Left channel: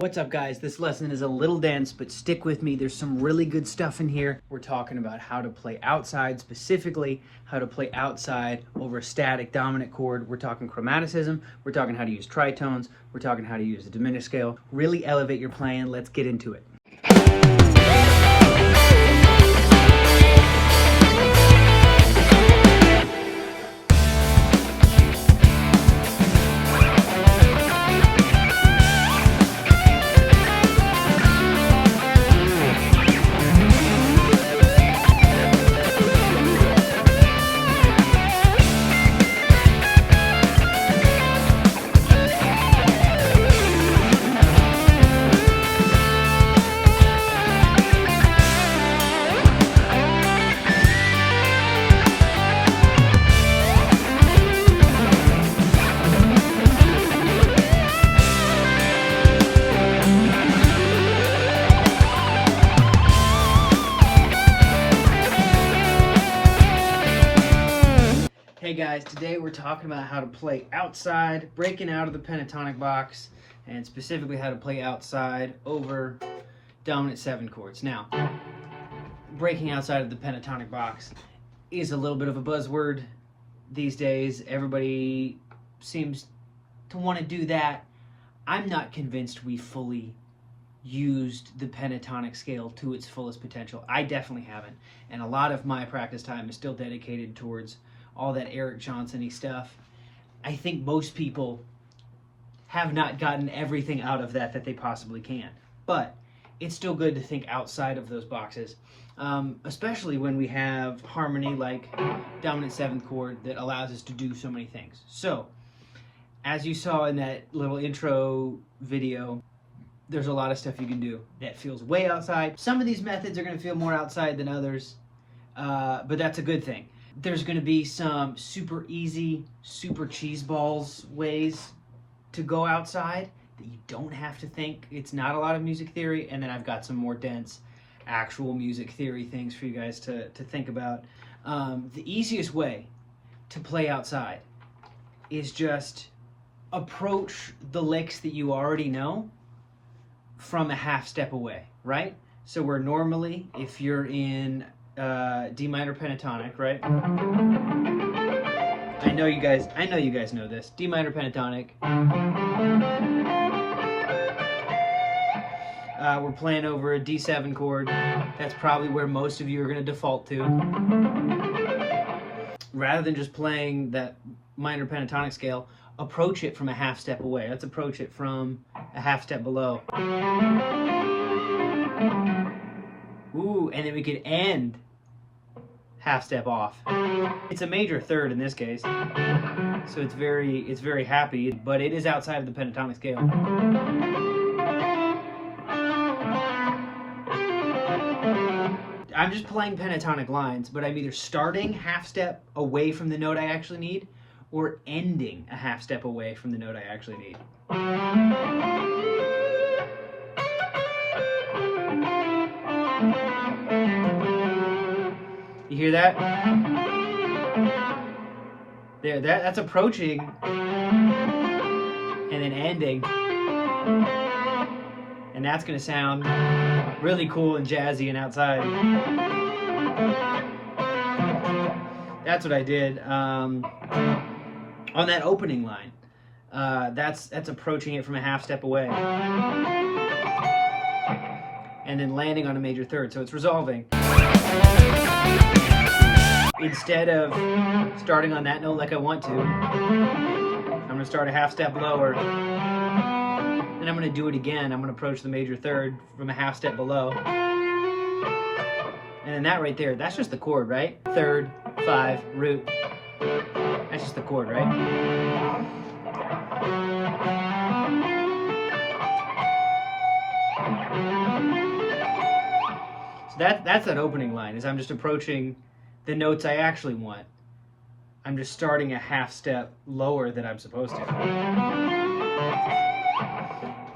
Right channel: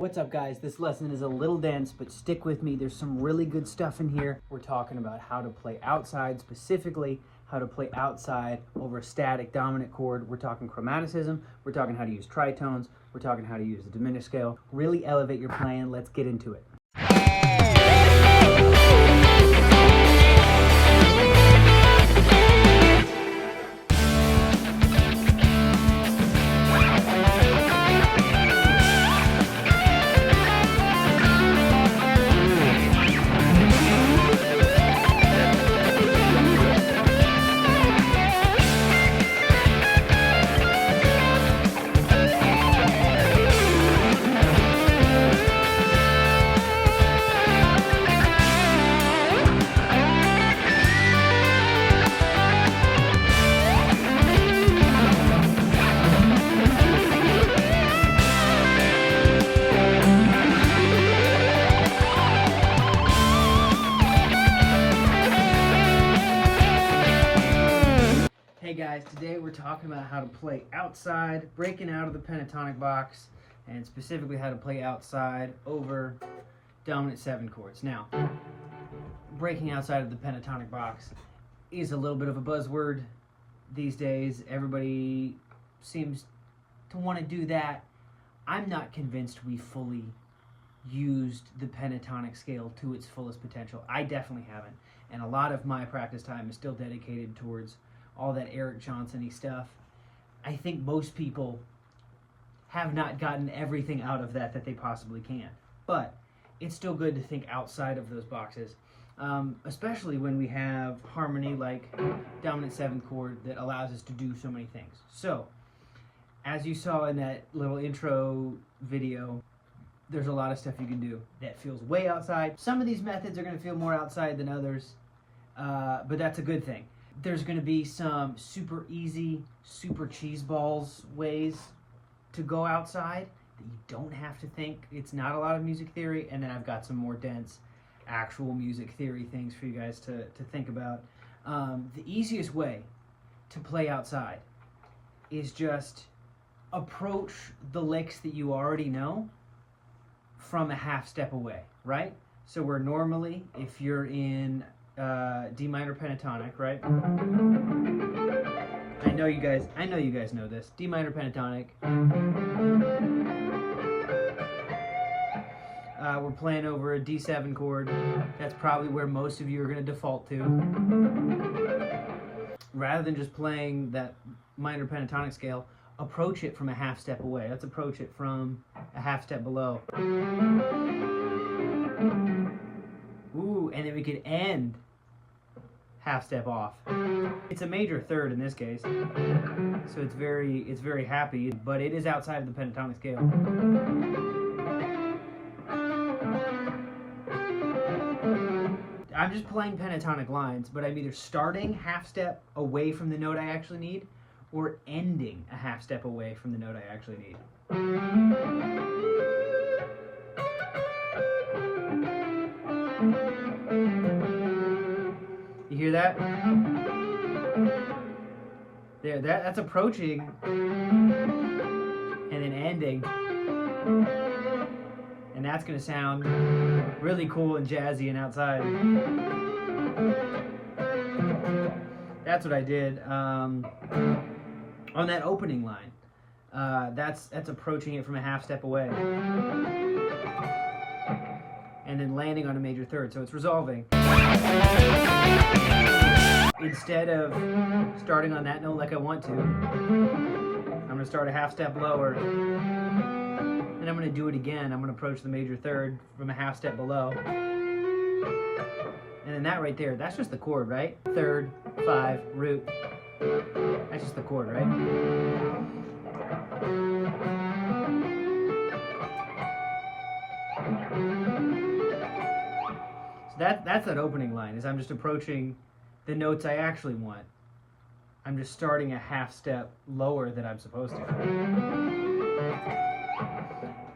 What's up, guys? This lesson is a little dense, but stick with me. There's some really good stuff in here. We're talking about how to play outside, specifically how to play outside over a static dominant chord. We're talking chromaticism. We're talking how to use tritones. We're talking how to use the diminished scale. Really elevate your playing. Let's get into it. Hey guys, today we're talking about how to play outside, breaking out of the pentatonic box, and specifically how to play outside over dominant 7 chords. Now, breaking outside of the pentatonic box is a little bit of a buzzword these days. Everybody seems to want to do that. I'm not convinced we fully used the pentatonic scale to its fullest potential. I definitely haven't, and a lot of my practice time is still dedicated towards all that Eric Johnson-y stuff. I think most people have not gotten everything out of that they possibly can. But it's still good to think outside of those boxes, especially when we have harmony like dominant 7th chord that allows us to do so many things. So, as you saw in that little intro video, there's a lot of stuff you can do that feels way outside. Some of these methods are going to feel more outside than others, but that's a good thing. There's going to be some super easy, super cheeseballs ways to go outside that you don't have to think. It's not a lot of music theory, and then I've got some more dense actual music theory things for you guys to think about. The easiest way to play outside is just approach the licks that you already know from a half step away, right? So where normally, if you're in D minor pentatonic, right? I know you guys know this. D minor pentatonic. We're playing over a D7 chord. That's probably where most of you are going to default to. Rather than just playing that minor pentatonic scale, approach it from a half step away. Let's approach it from a half step below. Ooh, and then we could end half step off. It's a major third in this case, so it's very happy, but it is outside of the pentatonic scale. I'm just playing pentatonic lines, but I'm either starting half step away from the note I actually need, or ending a half step away from the note I actually need. You hear that? There, that's approaching and then ending. And that's gonna sound really cool and jazzy and outside. That's what I did on that opening line. That's approaching it from a half step away. And then landing on a major third, so it's resolving. Instead of starting on that note like I want to, I'm going to start a half step lower, then I'm going to do it again. I'm going to approach the major third from a half step below. And then that right there, that's just the chord, right? Third, 5, root. That's just the chord, right? That's that opening line, is I'm just approaching the notes I actually want. I'm just starting a half step lower than I'm supposed to.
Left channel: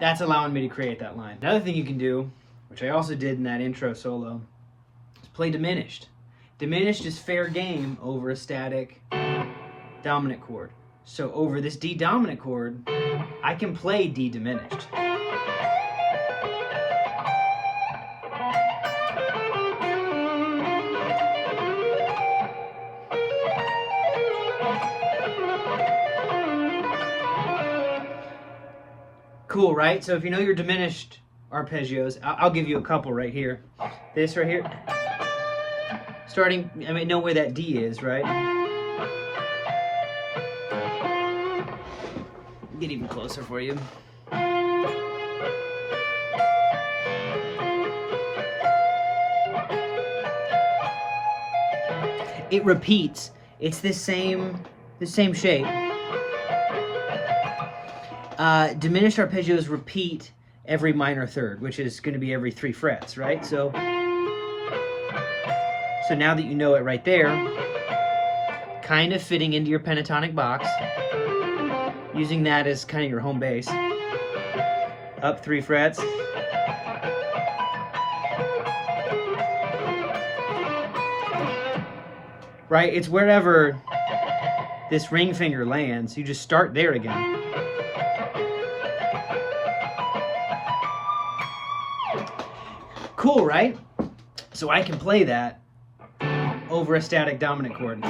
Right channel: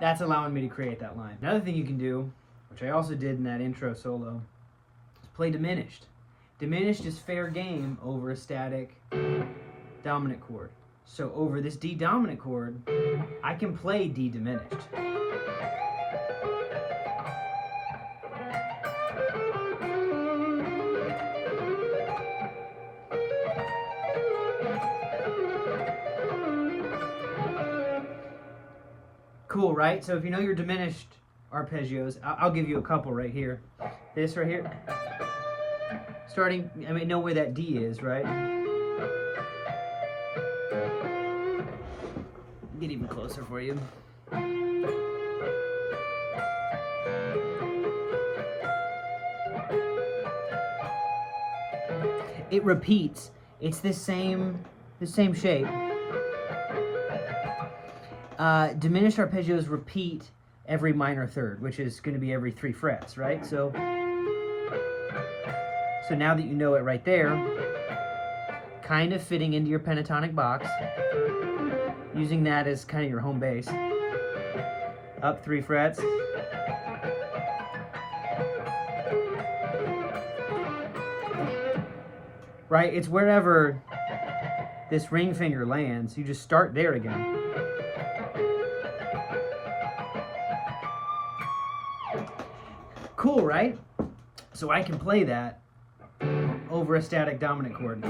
That's allowing me to create that line. Another thing you can do, which I also did in that intro solo, is play diminished. Diminished is fair game over a static dominant chord. So over this D dominant chord, I can play D diminished. Cool, right? So if you know your diminished arpeggios, I'll give you a couple right here. This right here. Starting, I mean, know where that D is, right? Get even closer for you. It repeats. It's the same shape. Diminished arpeggios repeat every minor third, which is going to be every 3 frets, right? So now that you know it right there, kind of fitting into your pentatonic box, using that as kind of your home base. Up 3 frets. Right? It's wherever this ring finger lands. You just start there again. Cool, right? So I can play that over a static dominant chord.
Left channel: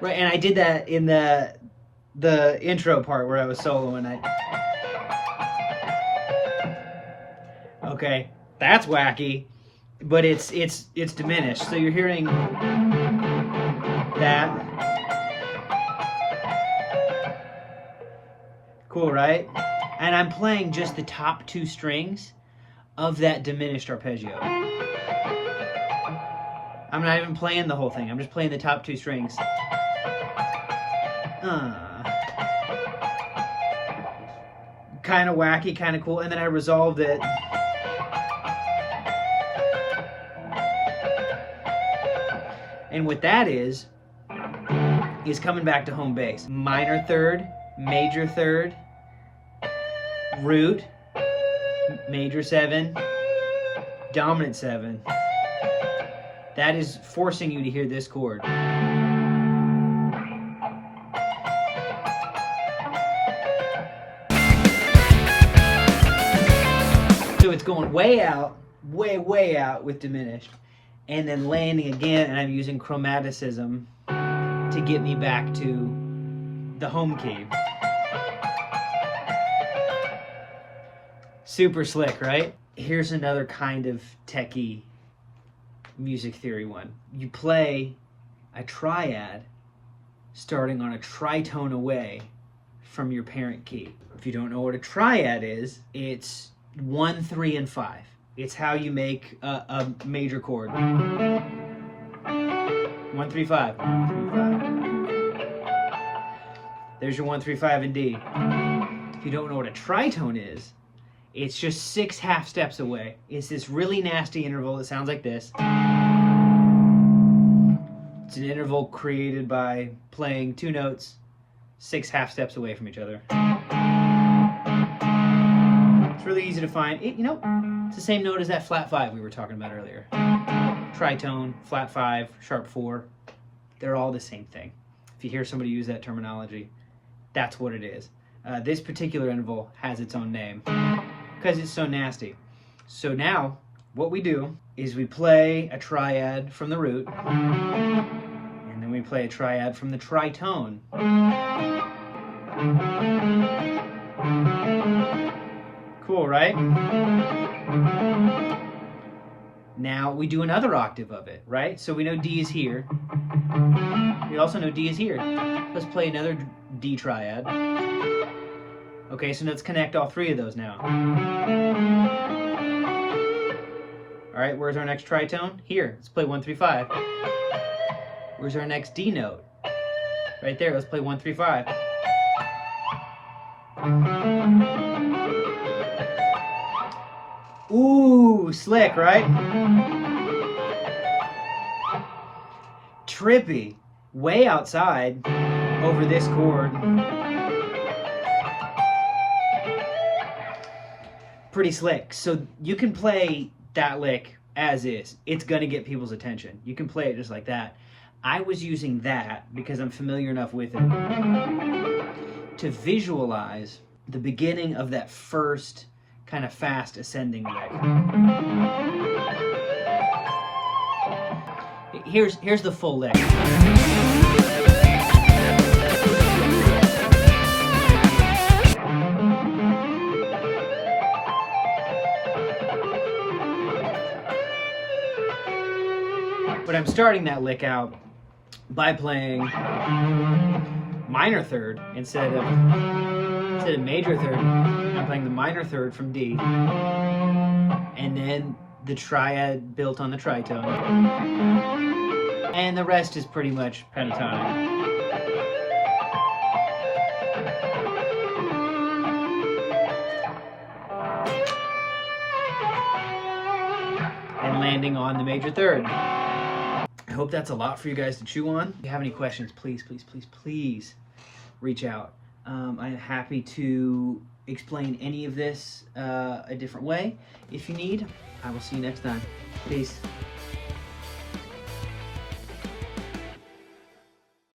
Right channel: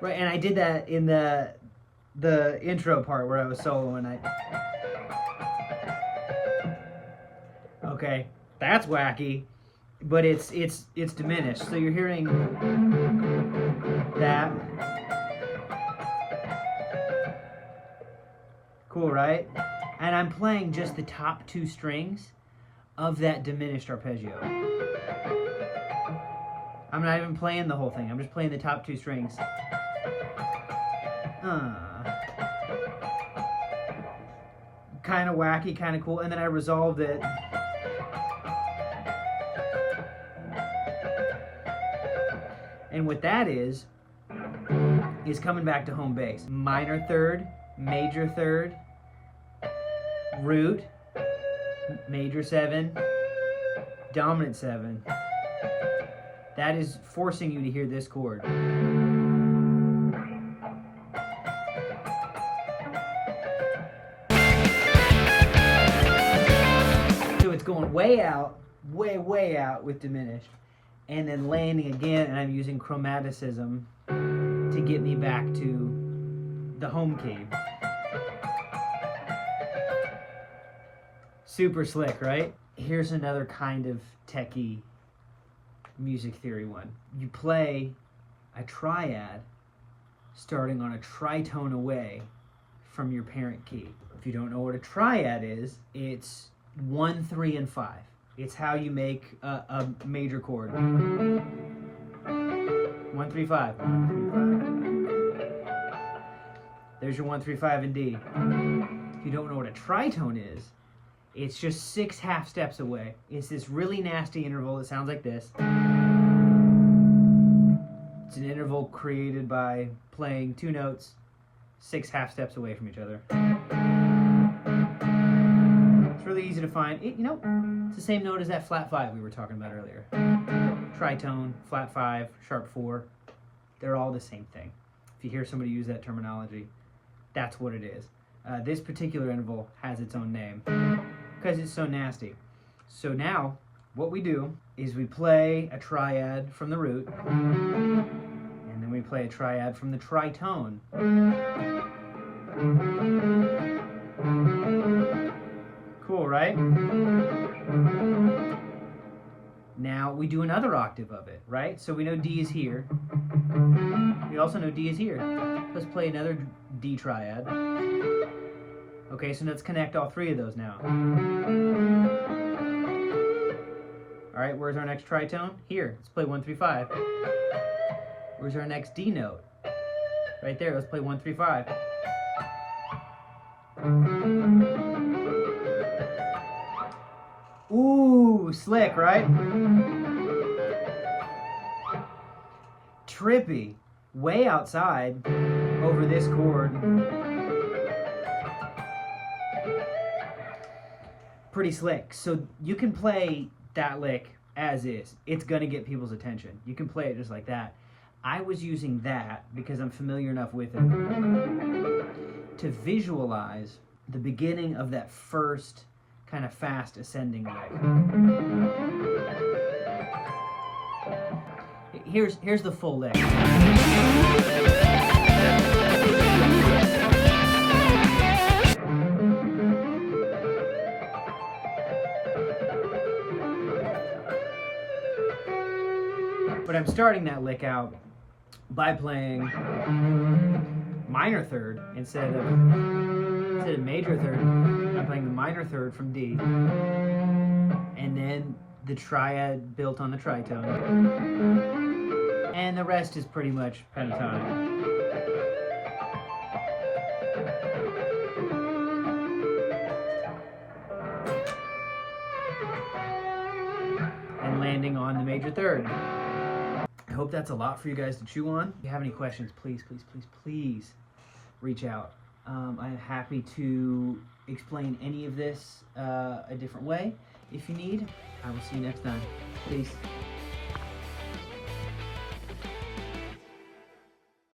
Right, and I did that in the intro part where I was soloing. Okay, that's wacky, but it's diminished. So you're hearing that. Cool, right? And I'm playing just the top 2 strings of that diminished arpeggio. I'm not even playing the whole thing. I'm just playing the top 2 strings. Kind of wacky, kind of cool. And then I resolved it. And what that is coming back to home base. Minor third, major third, root, major 7, dominant 7. That is forcing you to hear this chord. So it's going way out, way out with diminished, and then landing again, and I'm using chromaticism to get me back to the home key. Super slick, right? Here's another kind of techie music theory one. You play a triad starting on a tritone away from your parent key. If you don't know what a triad is, it's 1, 3, and 5. It's how you make a major chord. 1, 3, 5. 1, 3, 5. There's your 1, 3, 5 in D. If you don't know what a tritone is, it's just 6 half steps away. It's this really nasty interval that sounds like this. It's an interval created by playing 2 notes 6 half steps away from each other. It's really easy to find. It's the same note as that flat 5 we were talking about earlier. Tritone, flat 5, sharp 4. They're all the same thing. If you hear somebody use that terminology, that's what it is. This particular interval has its own name because it's so nasty. So now, what we do is we play a triad from the root, and then we play a triad from the tritone. Cool, right? Now we do another octave of it, right? So we know D is here. We also know D is here. Let's play another D triad. Okay, so let's connect all 3 of those now. All right, where's our next tritone? Here, let's play 1, 3, 5. Where's our next D note? Right there, let's play 1, 3, 5. Ooh, slick, right? Trippy, way outside over this chord. Pretty slick. So you can play that lick as is. It's gonna get people's attention. You can play it just like that. I was using that because I'm familiar enough with it to visualize the beginning of that first kind of fast ascending lick. Here's the full lick. But I'm starting that lick out by playing minor third instead of major third. I'm playing the minor third from D, and then the triad built on the tritone, and the rest is pretty much pentatonic. And landing on the major third. I hope that's a lot for you guys to chew on. If you have any questions, please, please, please, please reach out. I'm happy to explain any of this a different way if you need. I will see you next time. Peace.